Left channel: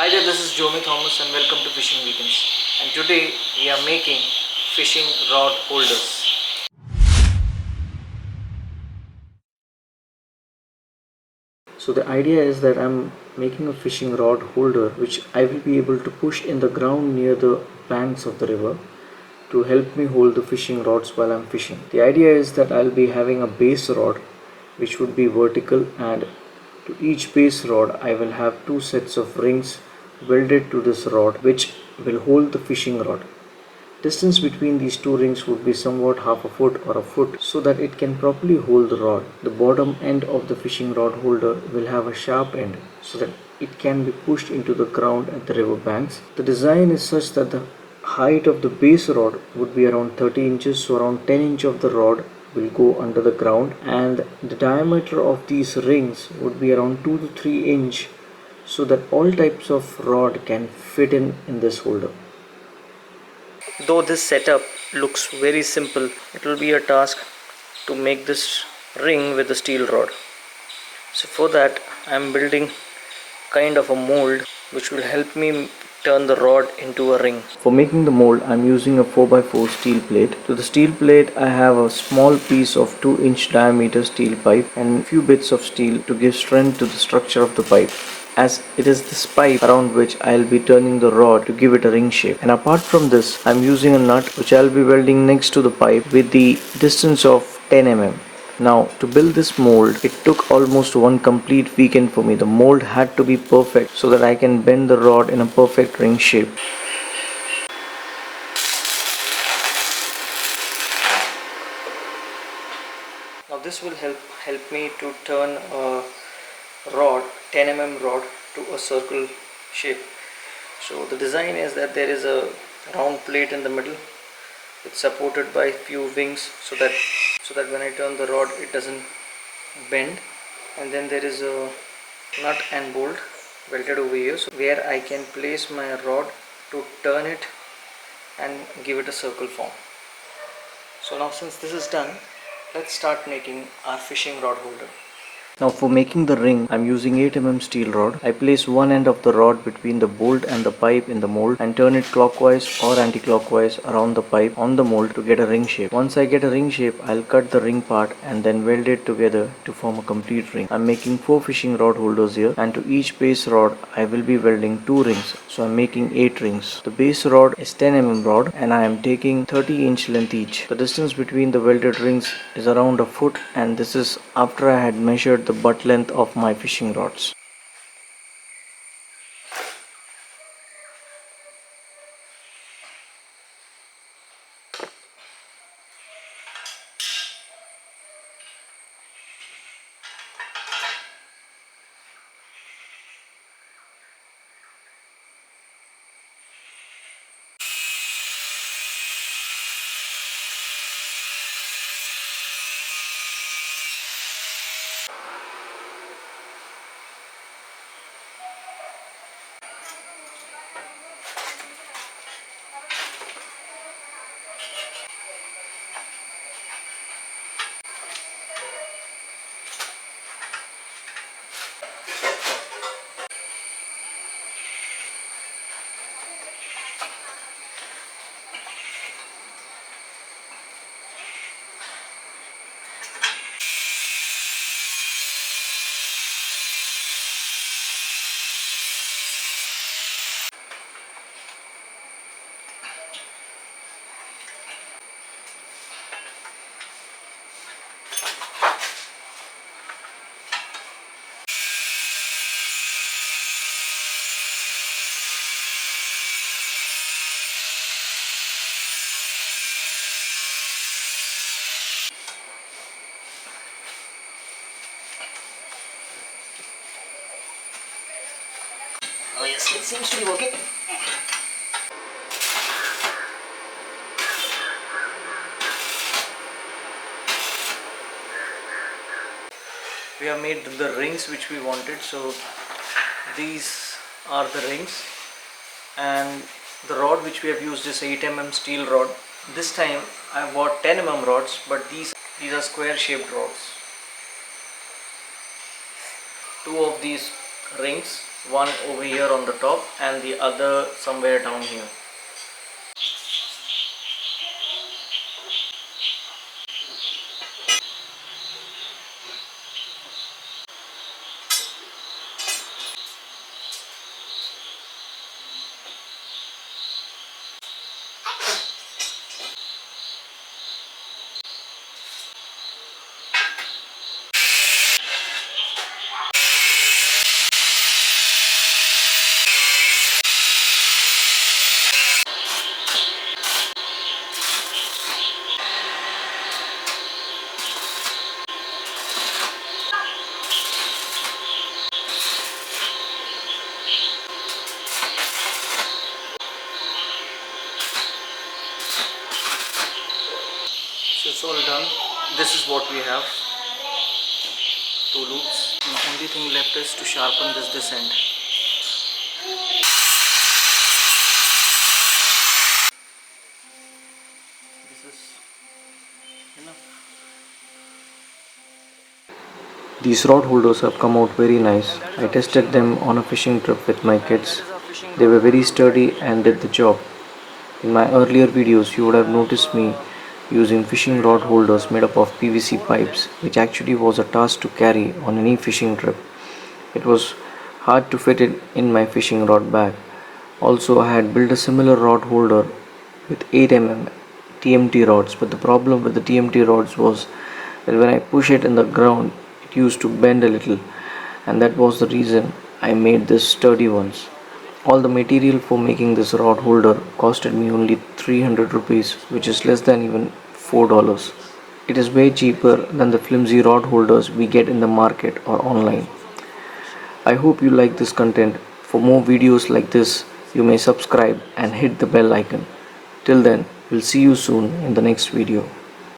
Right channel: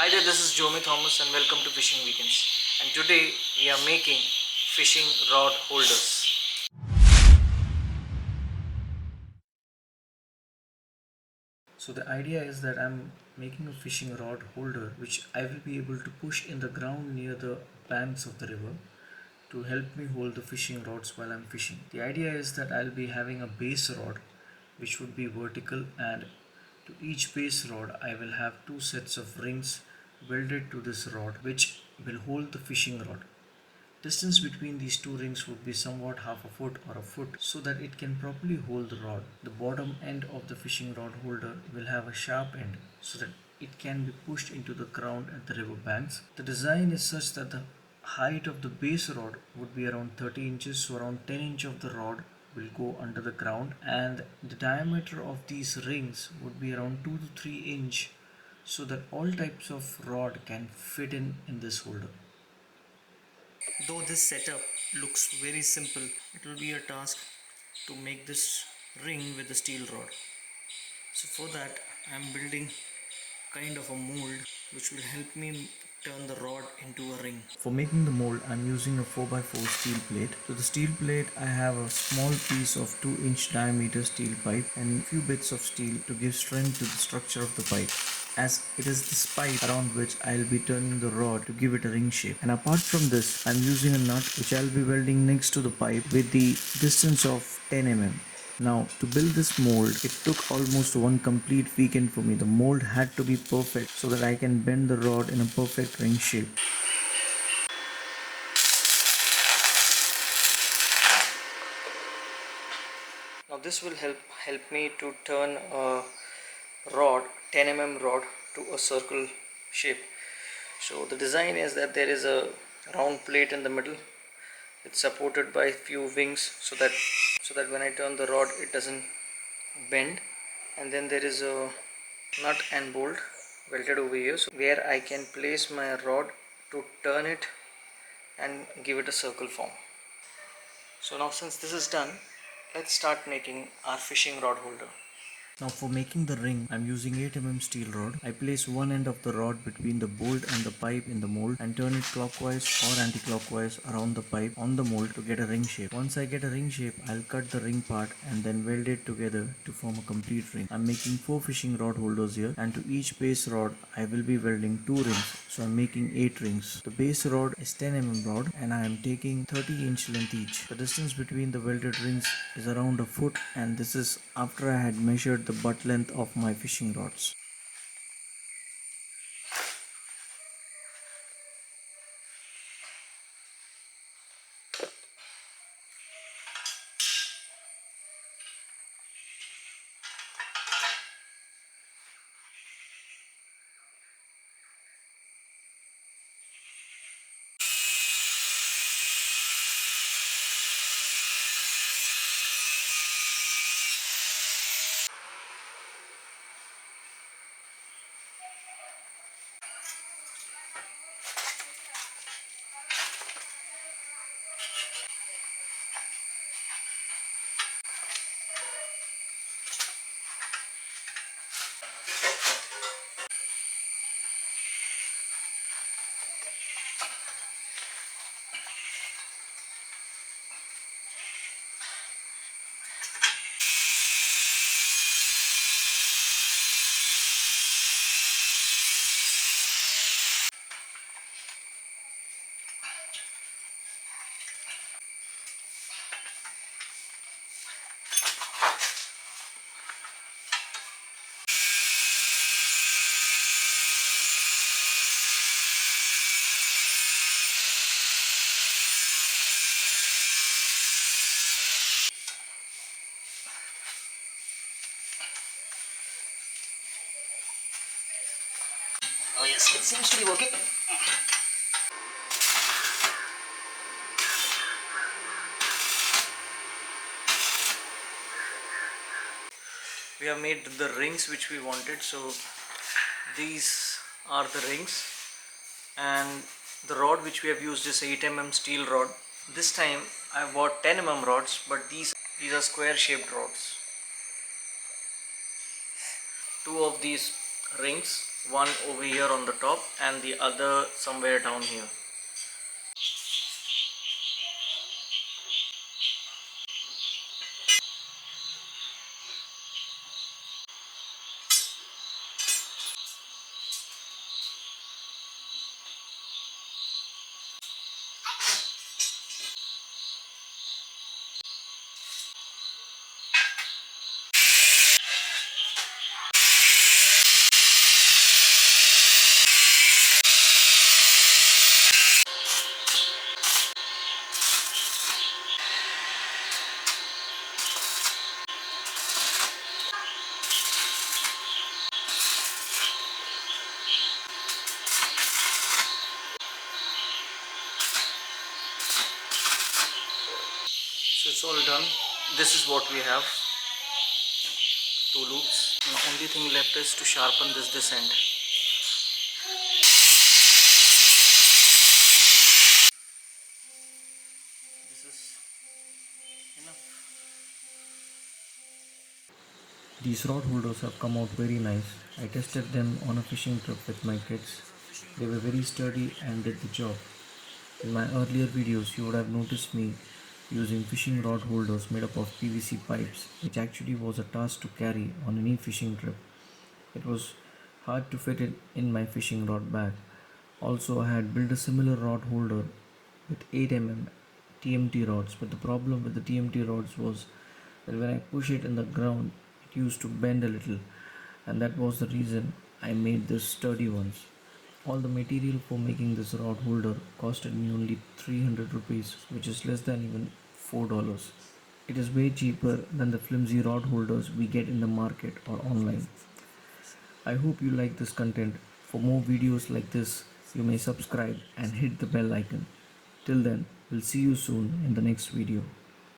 Hi there, this is Jomi Thomas and welcome to Fishing Weekends. And today we are making fishing rod holders. So the idea is that I'm making a fishing rod holder which I will be able to push in the ground near the banks of the river to help me hold the fishing rods while I'm fishing. The idea is that I'll be having a base rod which would be vertical, and to each base rod I will have two sets of rings welded to this rod which will hold the fishing rod. Distance between these two rings would be somewhat half a foot or a foot so that it can properly hold the rod. The bottom end of the fishing rod holder will have a sharp end so that it can be pushed into the ground at the river banks. The design is such that the height of the base rod would be around 30 inches, so around 10 inches of the rod will go under the ground, and the diameter of these rings would be around 2 to 3 inch so that all types of rod can fit in this holder. Though this setup looks very simple, it will be a task to make this ring with a steel rod. So for that I am building kind of a mold which will help me turn the rod into a ring. For making the mold I am using a 4x4 steel plate. To the steel plate I have a small piece of 2-inch diameter steel pipe and few bits of steel to give strength to the structure of the pipe, as it is this pipe around which I'll be turning the rod to give it a ring shape. And apart from this, I'm using a nut which I'll be welding next to the pipe with the distance of 10 mm. Now, to build this mold, it took almost one complete weekend for me. The mold had to be perfect so that I can bend the rod in a perfect ring shape. Now this will help me to turn a rod, 10 mm rod, to a circle shape. So the design is that there is a round plate in the middle. It's supported by few wings so that when I turn the rod it doesn't bend, and then there is a nut and bolt welded over here, so where I can place my rod to turn it and give it a circle form. So now since this is done, let's start making our fishing rod holder. Now for making the ring, I am using 8 mm steel rod. I place one end of the rod between the bolt and the pipe in the mold and turn it clockwise or anti-clockwise around the pipe on the mold to get a ring shape. Once I get a ring shape, I'll cut the ring part and then weld it together to form a complete ring. I'm making 4 fishing rod holders here, and to each base rod I will be welding 2 rings. So I'm making 8 rings. The base rod is 10 mm rod and I am taking 30-inch length each. The distance between the welded rings is around a foot, and this is after I had measured the butt length of my fishing rods. Oh yes, it seems to be working. We have made the rings which we wanted, so these are the rings, and the rod which we have used is 8 mm steel rod. This time I bought 10 mm rods, but these are square shaped rods. Two of these rings one over here on the top and the other somewhere down here. So it's all done. This is what we have. Two loops. The only thing left is to sharpen this end. This is enough. These rod holders have come out very nice. I tested them on a fishing trip with my kids. They were very sturdy and did the job. In my earlier videos, you would have noticed me using fishing rod holders made up of PVC pipes, which actually was a task to carry on any fishing trip. It was hard to fit it in my fishing rod bag. Also, I had built a similar rod holder with 8 mm TMT rods, but the problem with the TMT rods was that when I push it in the ground, it used to bend a little, and that was the reason I made this sturdy ones. All the material for making this rod holder costed me only 300 rupees, which is less than even $4. It is way cheaper than the flimsy rod holders we get in the market or online. I hope you like this content. For more videos like this, you may subscribe and hit the bell icon. Till then, we'll see you soon in the next video.